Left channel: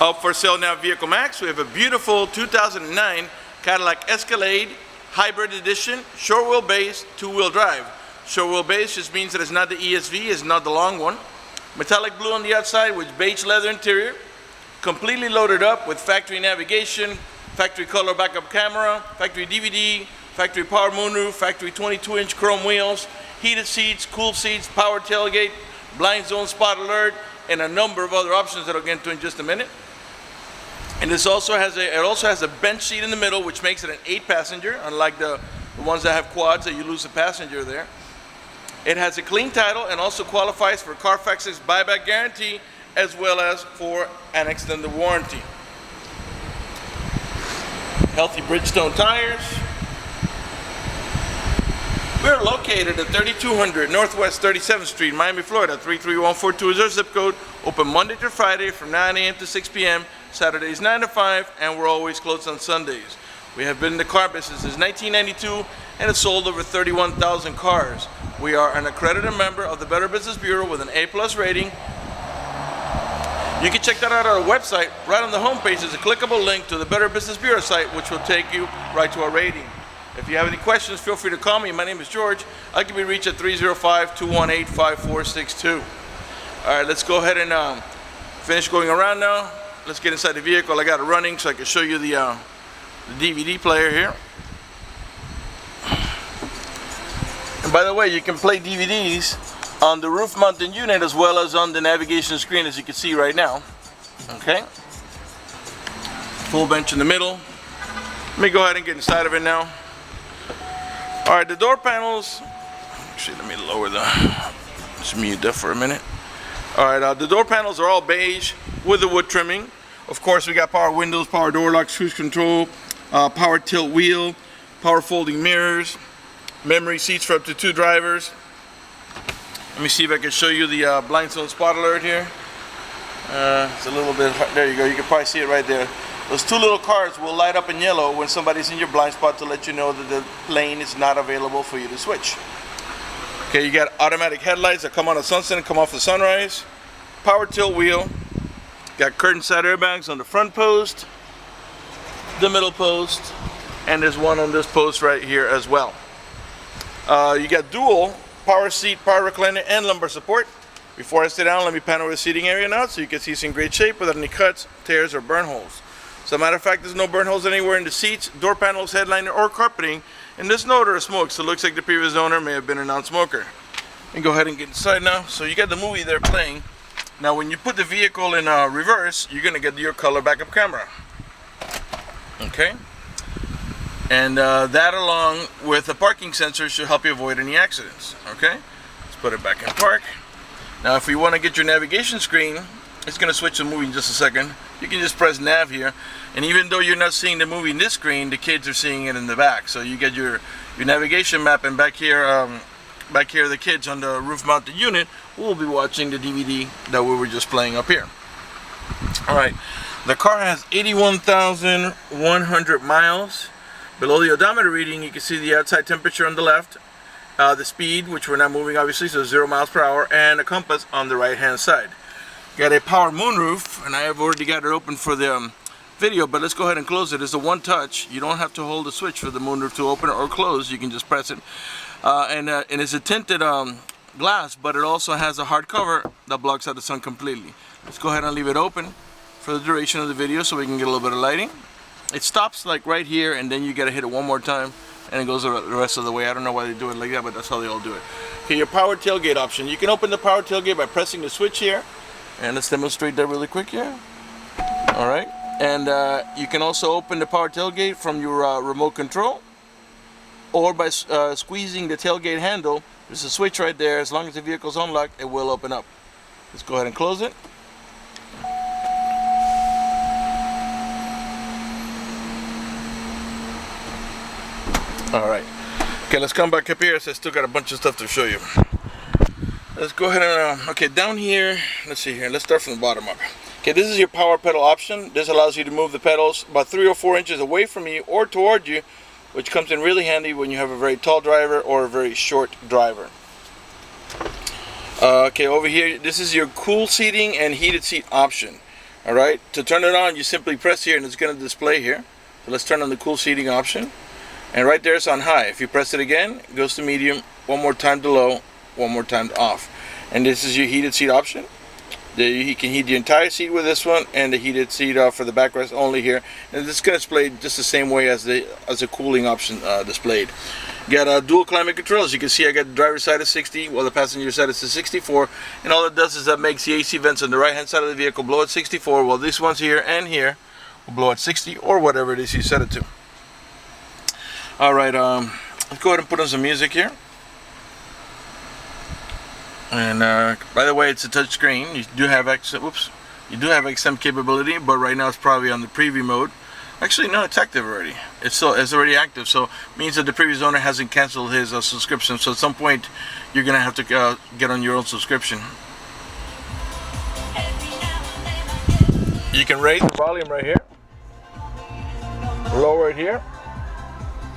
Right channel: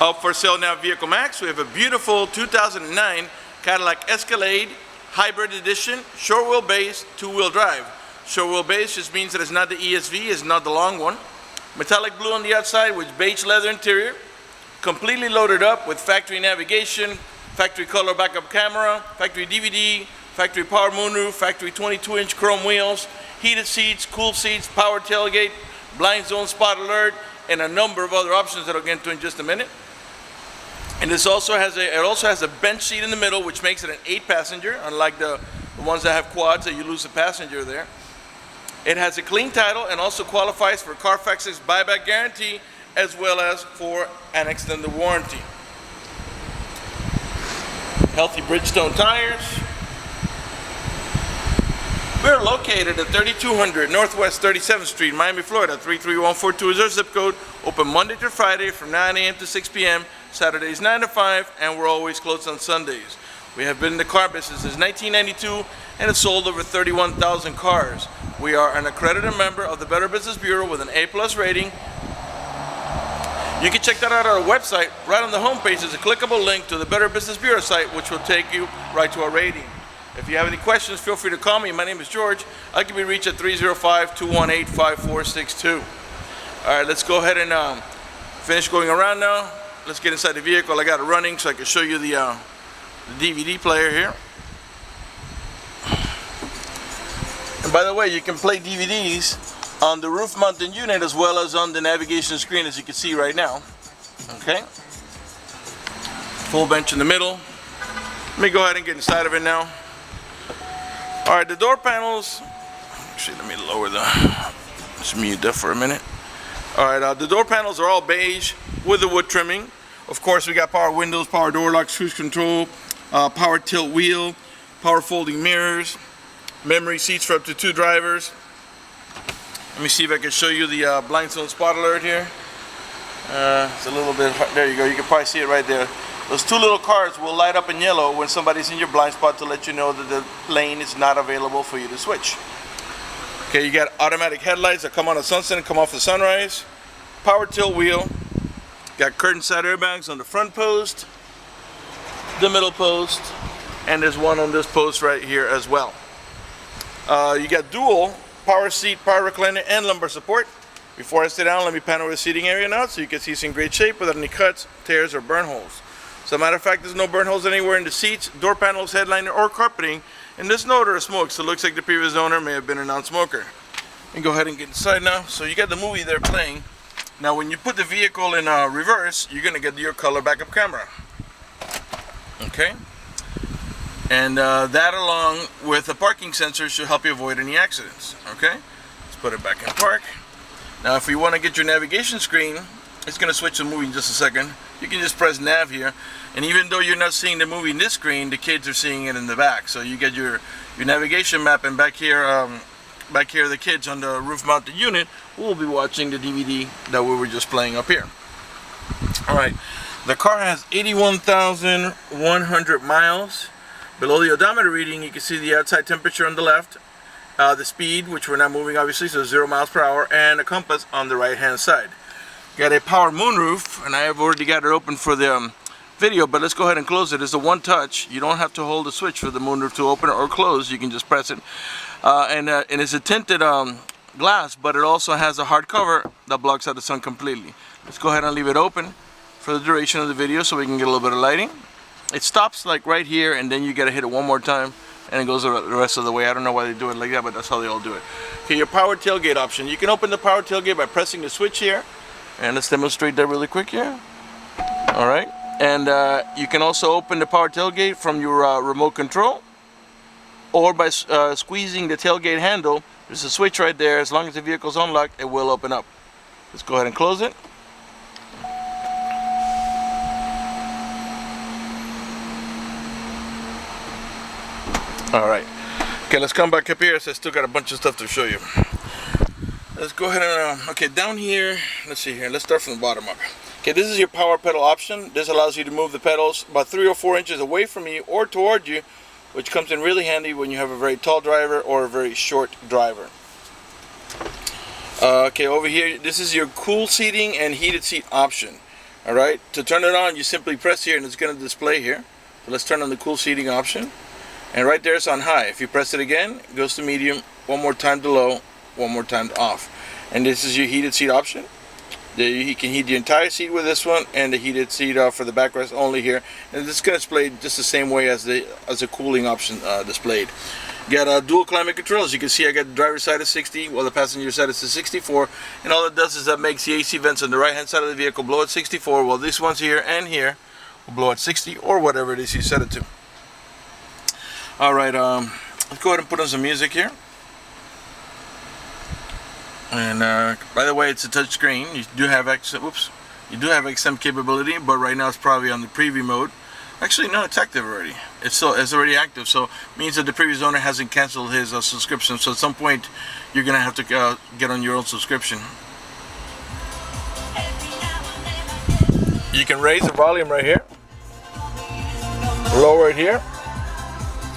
Up for sale now, Vehiclemax. We have a beautiful 2009 Cadillac Escalade Hybrid Edition, short wheelbase, two-wheel drive. Short wheelbase just means that it's not the ESV, it's not the long one. Metallic blue on the outside with beige leather interior. Completely loaded up with factory navigation, factory color backup camera, factory DVD, factory power moonroof, factory 22-inch chrome wheels, heated seats, cool seats, power tailgate, blind zone spot alert, and a number of other options that I'll get into in just a minute. And this also has a bench seat in the middle, which makes it an 8-passenger, unlike the ones that have quads that you lose a passenger there. It has a clean title and also qualifies for Carfax's buyback guarantee, as well as for an extended warranty. Healthy Bridgestone tires. We're located at 3200 Northwest 37th Street, Miami, Florida, 33142 is our zip code. Open Monday to Friday from 9 a.m. to 6 p.m. Saturdays 9 to 5, and we're always closed on Sundays. We have been in the car business since 1992 and have sold over 31,000 cars. We are an accredited member of the Better Business Bureau with an A+ rating. You can check that out on our website. Right on the homepage is a clickable link to the Better Business Bureau site, which will take you right to our rating. If you have any questions, feel free to call me. My name is George. I can be reached at 305-218-5462. All right, let's go ahead and finish going around now. Let's get inside the vehicle. I got it running so I can show you the DVD player here. And by the way, you can play DVDs on the roof mounted unit as well as on the navigation screen, as you can see right now. Okay. Full bench in the middle. Let me go ahead and get inside of it now. All right, the door panels. Actually, let me lower let's mute that for a minute. All right, the door panels are all beige with the wood trimming. Of course, we got power windows, power door locks, cruise control, power tilt wheel, power folding mirrors, memory seats for up to 2 drivers. Let me see if I can show you the blind zone spot alert here. It's a little bit, there you go, you can probably see it right there. Those 2 little cards will light up in yellow when somebody's in your blind spot to let you know that the lane is not available for you to switch. Okay, you got automatic headlights that come on at sunset and come off the sunrise. Power tilt wheel. Got curtain side airbags on the front post, the middle post, and there's one on this post right here as well. You got dual power seat, power recliner, and lumbar support. Before I sit down, let me pan over the seating area now so you can see it's in great shape without any cuts, tears, or burn holes. As a matter of fact, there's no burn holes anywhere in the seats, door panels, headliner, or carpeting, and there's no odor of smoke, so it looks like the previous owner may have been a non-smoker. Let me go ahead and get inside now. So you got the movie there playing. Now when you put the vehicle in reverse, you're going to get your color backup camera. Okay? And that along with a parking sensor should help you avoid any accidents. Okay? Let's put it back in park. Now if you want to get your navigation screen, it's going to switch the movie in just a second. You can just press nav here, and even though you're not seeing the movie in this screen, the kids are seeing it in the back. So you get your navigation map, and back here the kids on the roof mounted unit will be watching the DVD that we were just playing up here. Alright, the car has 81,100 miles. Below the odometer reading, you can see the outside temperature on the left, the speed, which we're not moving obviously, so 0 miles per hour, and a compass on the right hand side. Got a power moonroof, and I have already got it open for the video, but let's go ahead and close it. It's a one touch. You don't have to hold the switch for the moonroof to open or close. You can just press it. And it's a tinted glass, but it also has a hard cover that blocks out the sun completely. Let's go ahead and leave it open for the duration of the video so we can get a little bit of lighting. It stops like right here, and then you gotta hit it one more time, and it goes the rest of the way. I don't know why they do it like that, but that's how they all do it. Okay, your power tailgate option. You can open the power tailgate by pressing the switch here. And let's demonstrate that really quick here. Alright, and you can also open the power tailgate from your remote control, or by squeezing the tailgate handle. There's a switch right there. As long as the vehicle's unlocked, it will open up. Let's go ahead and close it. Alright, okay, let's come back up here. So I still got a bunch of stuff to show you. Let's go ahead and, okay, down here, let's see here, let's start from the bottom up. Okay, this is your power pedal option. This allows you to move the pedals about 3 or 4 inches away from you or toward you, which comes in really handy when you have a very tall driver or a very short driver. Okay, over here, this is your cool seating and heated seat option. Alright, to turn it on, you simply press here and it's going to display here. So let's turn on the cool seating option. And right there it's on high. If you press it again, it goes to medium, one more time to low, one more time to off. And this is your heated seat option. You can heat the entire seat with this one, and the heated seat for the backrest only here. And this is going to display just the same way as the cooling option displayed. You got dual climate control. As you can see, I got the driver's side at 60, while the passenger side is at 64. And all it does is that makes the AC vents on the right hand side of the vehicle blow at 64, while these ones here and here will blow at 60 or whatever it is you set it to. Alright, let's go ahead and put on some music here. And by the way, it's a touch screen. You do have XM capability, but right now it's probably on the preview mode. Actually, no, it's active already. It's already active, so it means that the previous owner hasn't canceled his subscription. So at some point, you're gonna have to get on your own subscription. You can raise the volume right here, lower it here,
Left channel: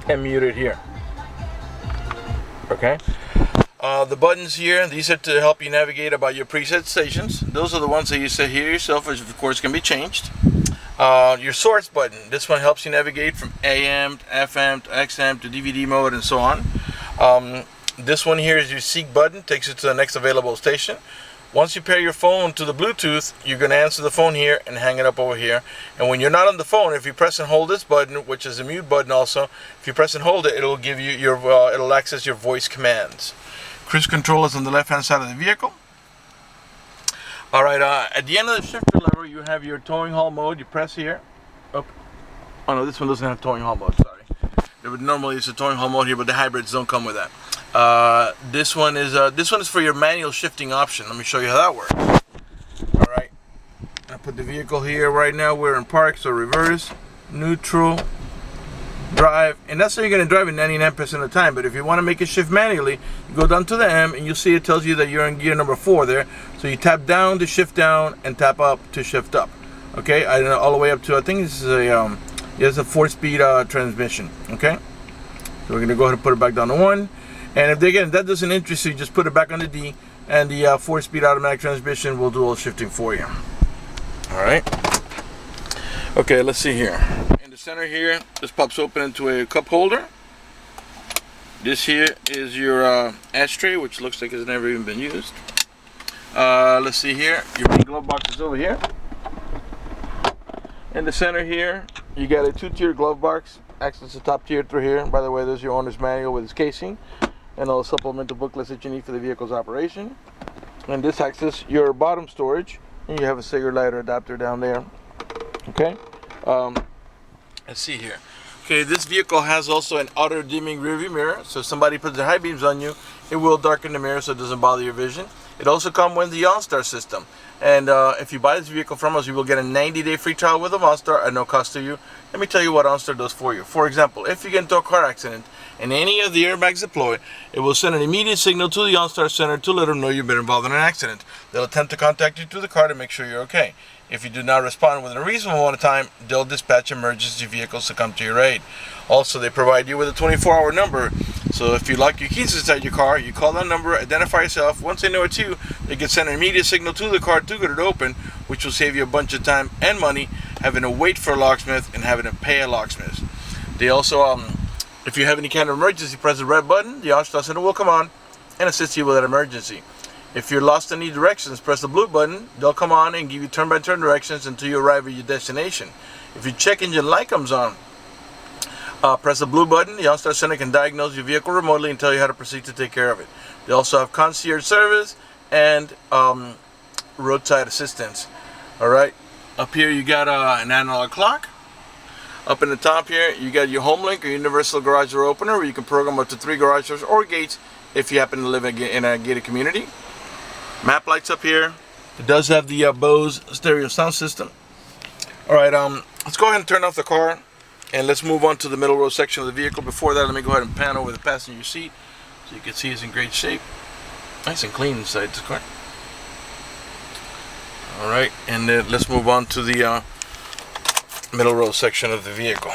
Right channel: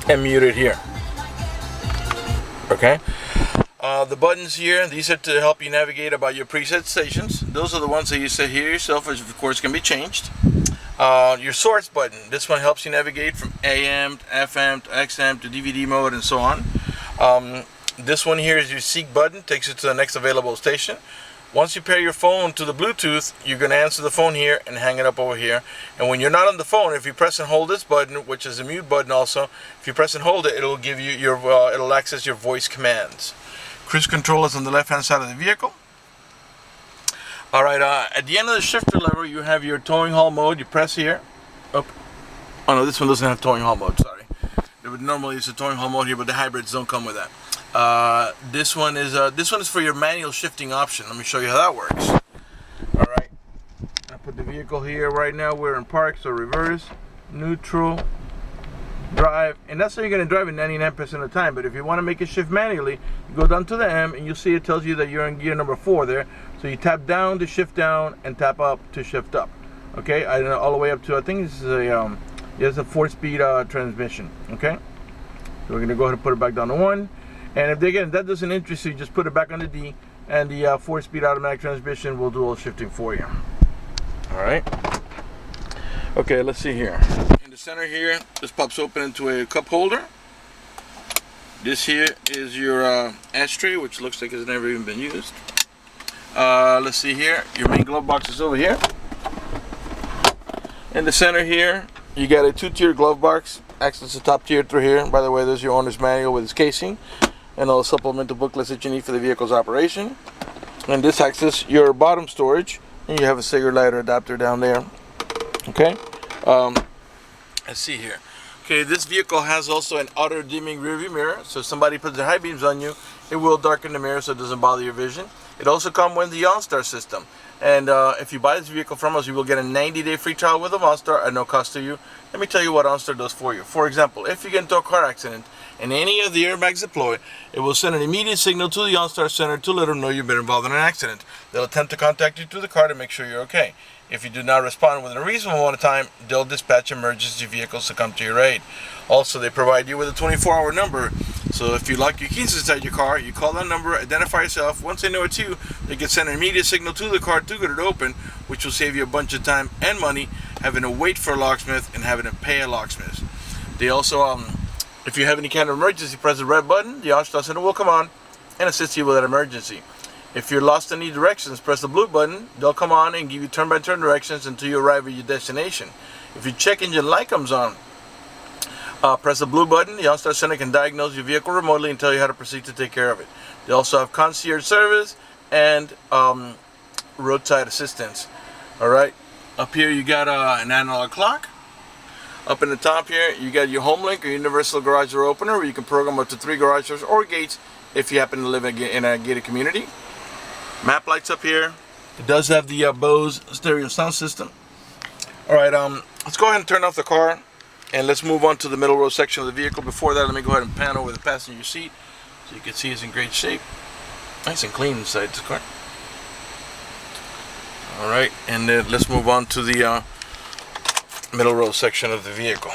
and mute it here. Okay. The buttons here, these are to help you navigate about your preset stations. Those are the ones that you set here yourself, which of course can be changed. Your source button, this one helps you navigate from AM to FM to XM to DVD mode and so on. This one here is your seek button, takes you to the next available station. Once you pair your phone to the Bluetooth, you're going to answer the phone here and hang it up over here. And when you're not on the phone, if you press and hold this button, which is a mute button also, if you press and hold it, it'll give you your it'll access your voice commands. Cruise control is on the left hand side of the vehicle. Alright, at the end of the shifter lever you have your towing haul mode. You press here. Oh no, this one doesn't have towing haul mode, sorry. Normally it's a towing haul mode here, but the hybrids don't come with that. This one is for your manual shifting option. Let me show you how that works. Alright. I put the vehicle here right now, we're in park, so reverse, neutral, drive, and that's how you're going to drive it 99% of the time. But if you want to make it shift manually, you go down to the M and you'll see it tells you that you're in gear number 4 there. So you tap down to shift down and tap up to shift up. Okay, all the way up to, I think this is a it's a 4-speed transmission. Okay, so we're going to go ahead and put it back down to 1. And if that doesn't interest you, just put it back on the D, and the 4-speed automatic transmission will do all the shifting for you. All right. Okay, let's see here. In the center here, this pops open into a cup holder. This here is your ashtray, which looks like it's never even been used. Let's see here. Your main glove box is over here. In the center here, you got a 2-tier glove box. Access the top tier through here. By the way, there's your owner's manual with its casing and all the supplemental booklets that you need for the vehicle's operation. And this accesses your bottom storage, and you have a cigarette lighter adapter down there. Okay, let's see here. Okay, this vehicle has also an auto dimming rearview mirror, so if somebody puts their high beams on you, it will darken the mirror so it doesn't bother your vision. It also comes with the OnStar system, and if you buy this vehicle from us, you will get a 90-day free trial with the OnStar at no cost to you. Let me tell you what OnStar does for you. For example, if you get into a car accident and any of the airbags deploy, it will send an immediate signal to the OnStar center to let them know you've been involved in an accident. They'll attempt to contact you through the car to make sure you're okay. If you do not respond within a reasonable amount of time, they'll dispatch emergency vehicles to come to your aid. Also, they provide you with a 24-hour number. So if you lock your keys inside your car, you call that number, identify yourself. Once they know it's you, they can send an immediate signal to the car to get it open, which will save you a bunch of time and money having to wait for a locksmith and having to pay a locksmith. They also, if you have any kind of emergency, press the red button. The OnStar center will come on and assist you with that emergency. If you're lost in any directions, press the blue button. They'll come on and give you turn-by-turn directions until you arrive at your destination. If your check engine light comes on, press the blue button. The OnStar Center can diagnose your vehicle remotely and tell you how to proceed to take care of it. They also have concierge service and roadside assistance. Alright, up here you got an analog clock. Up in the top here, you got your HomeLink or universal garage door opener, where you can program up to 3 garage doors or gates if you happen to live in a gated community. Map lights up here. It does have the Bose stereo sound system. Alright, let's go ahead and turn off the car and let's move on to the middle row section of the vehicle. Before that, let me go ahead and pan over the passenger seat so you can see it's in great shape. Nice and clean inside this car. Alright, and then let's move on to the middle row section of the vehicle.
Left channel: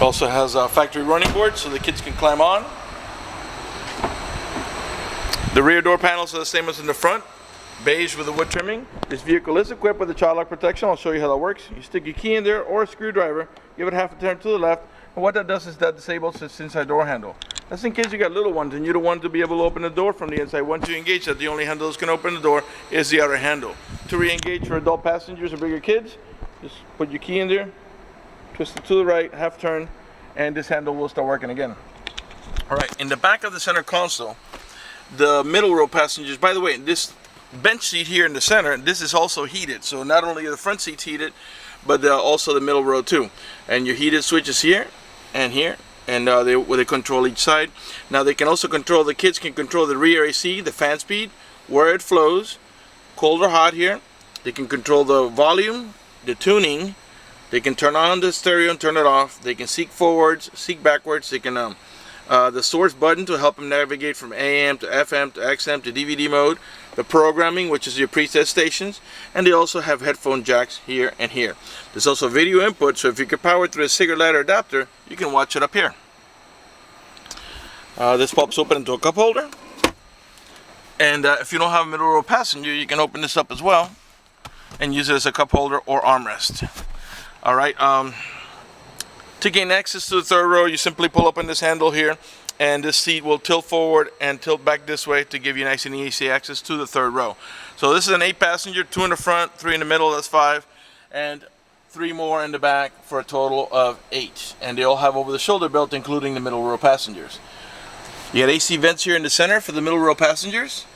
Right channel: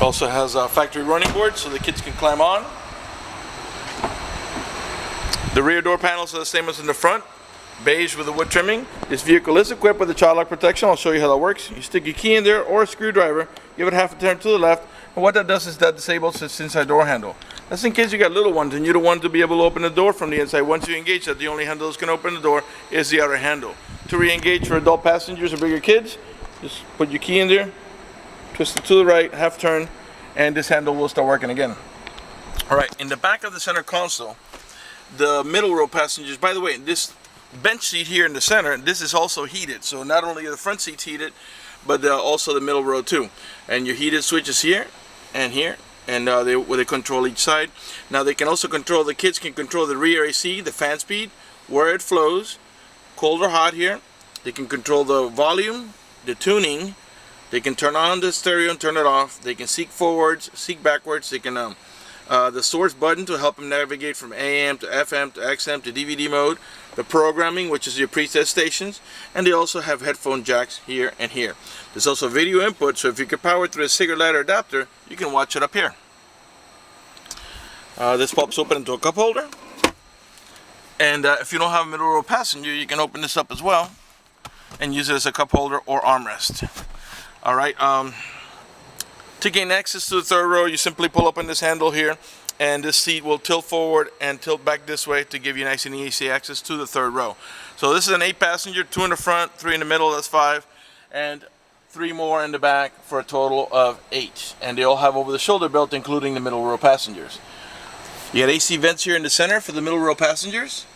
Also has a factory running board so the kids can climb on. The rear door panels are the same as in the front. beige with the wood trimming. This vehicle is equipped with a child lock protection. I'll show you how that works. You stick your key in there or a screwdriver, give it half a turn to the left, and what that does is that disables this inside door handle. That's in case you got little ones and you don't want to be able to open the door from the inside. Once you engage that, the only handle that's going to open the door is the outer handle. To re-engage for adult passengers or bigger kids, just put your key in there, twist it to the right, half turn, and this handle will start working again. All right, in the back of the center console, the middle row passengers, by the way, this bench seat here in the center, this is also heated. So not only are the front seats heated, but also the middle row too. And your heated switches here and here, and they control each side. Now they can also control, the kids can control the rear AC, the fan speed, where it flows, cold or hot here. They can control the volume, the tuning. They can turn on the stereo and turn it off. They can seek forwards, seek backwards. They can the source button to help them navigate from AM to FM to XM to DVD mode. The programming, which is your preset stations, and they also have headphone jacks here and here. There's also video input, so if you can power through a cigarette lighter adapter, you can watch it up here. This pops open into a cup holder, and if you don't have a middle row passenger, you can open this up as well and use it as a cup holder or armrest. All right. To gain access to the third row, you simply pull up on this handle here, and this seat will tilt forward and tilt back this way to give you nice and easy access to the third row. So this is an 8-passenger, 2 in the front, 3 in the middle, that's 5, and 3 more in the back for a total of 8. And they all have over-the-shoulder belt, including the middle row passengers. You got AC vents here in the center for the middle row passengers.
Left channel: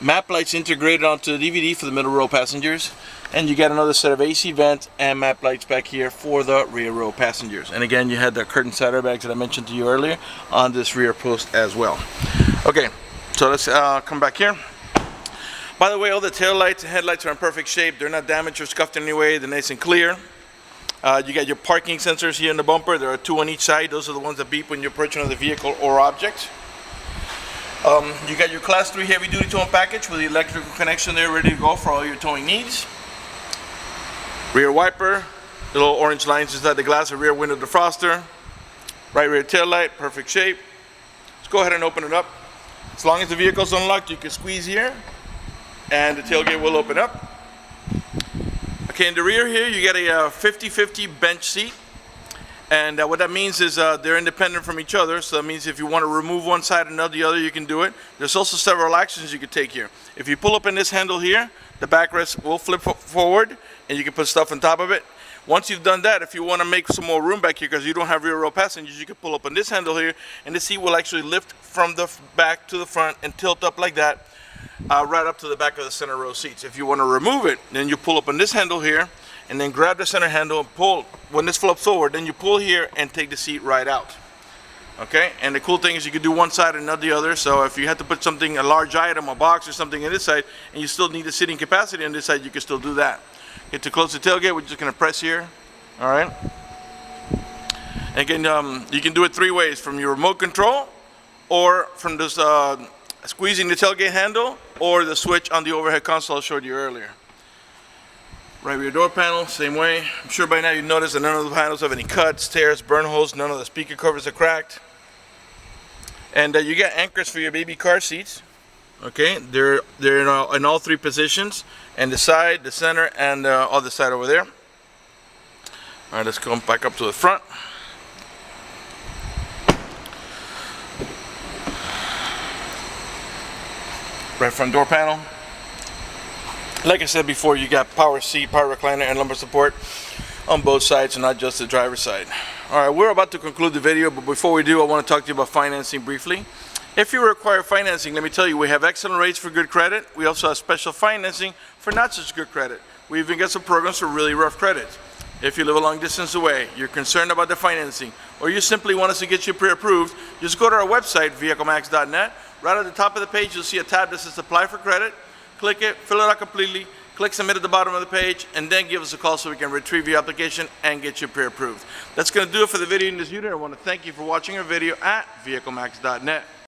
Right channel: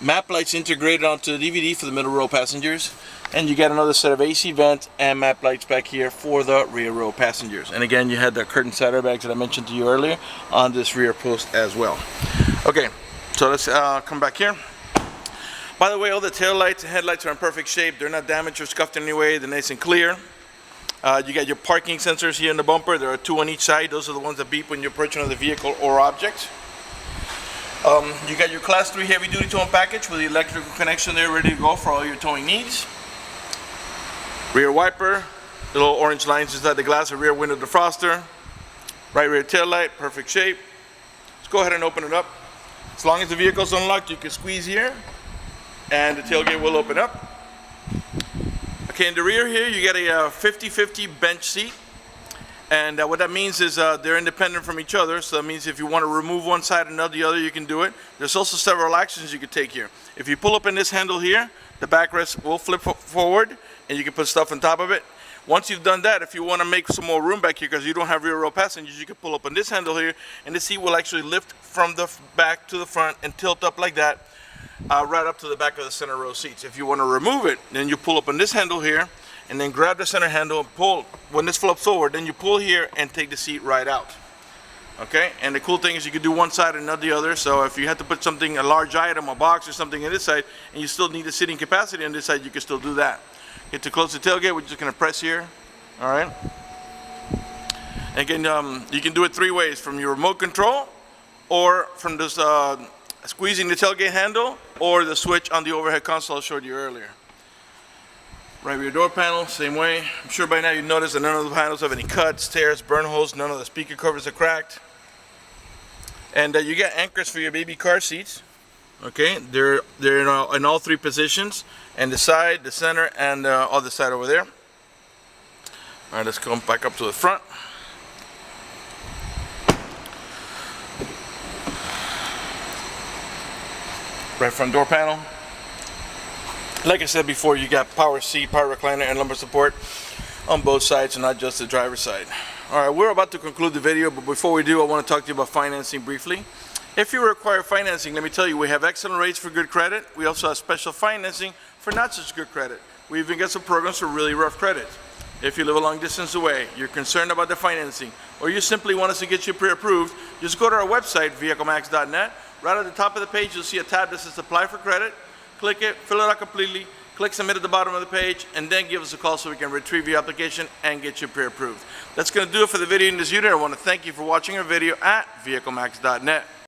Map lights integrated onto the DVD for the middle row passengers, and you got another set of AC vents and map lights back here for the rear row passengers. And again, you had the curtain side airbags that I mentioned to you earlier on this rear post as well. Okay, so let's come back here. By the way, all the tail lights and headlights are in perfect shape. They're not damaged or scuffed in any way. They're nice and clear. You got your parking sensors here in the bumper. There are 2 on each side. Those are the ones that beep when you're approaching another vehicle or object. You got your Class 3 heavy-duty towing package with the electrical connection there ready to go for all your towing needs. Rear wiper, the little orange lines inside the glass, a rear window defroster. Right rear tail light, perfect shape. Let's go ahead and open it up. As long as the vehicle's unlocked, you can squeeze here, and the tailgate will open up. Okay, in the rear here, you get a 50-50 bench seat. And what that means is they're independent from each other. So that means if you want to remove one side and not the other, you can do it. There's also several actions you can take here. If you pull up in this handle here, the backrest will flip forward, and you can put stuff on top of it. Once you've done that, if you want to make some more room back here because you don't have rear row passengers, you can pull up on this handle here, and the seat will actually lift from the back to the front and tilt up like that, right up to the back of the center row seats. If you want to remove it, then you pull up on this handle here, and then grab the center handle and pull. When this flips forward, then you pull here and take the seat right out. Okay, and the cool thing is you can do one side and not the other. So if you had to put something, a large item, a box or something on this side, and you still need the seating capacity on this side, you can still do that. Okay, to close the tailgate, we're just going to press here. All right. Again, you can do it 3 ways: from your remote control, or from this squeezing the tailgate handle, or the switch on the overhead console I showed you earlier. Right rear door panel, same way. I'm sure by now you've noticed that none of the panels have any cuts, tears, burn holes. None of the speaker covers are cracked. And you got anchors for your baby car seats. Okay, they're in all 3 positions, and the side, the center, and the other side over there. All right, let's come back up to the front. Right front door panel. Like I said before, you got power seat, power recliner, and lumbar support on both sides, and not just the driver's side. All right, we're about to conclude the video, but before we do, I want to talk to you about financing briefly. If you require financing, let me tell you, we have excellent rates for good credit. We also have special financing for not such good credit. We even got some programs for really rough credit. If you live a long distance away, you're concerned about the financing, or you simply want us to get you pre-approved, just go to our website, vehiclemax.net. Right at the top of the page, you'll see a tab that says Apply for Credit. Click it, fill it out completely, click Submit at the bottom of the page, and then give us a call so we can retrieve your application and get you pre-approved. That's going to do it for the video in this unit. I want to thank you for watching our video at vehiclemax.net.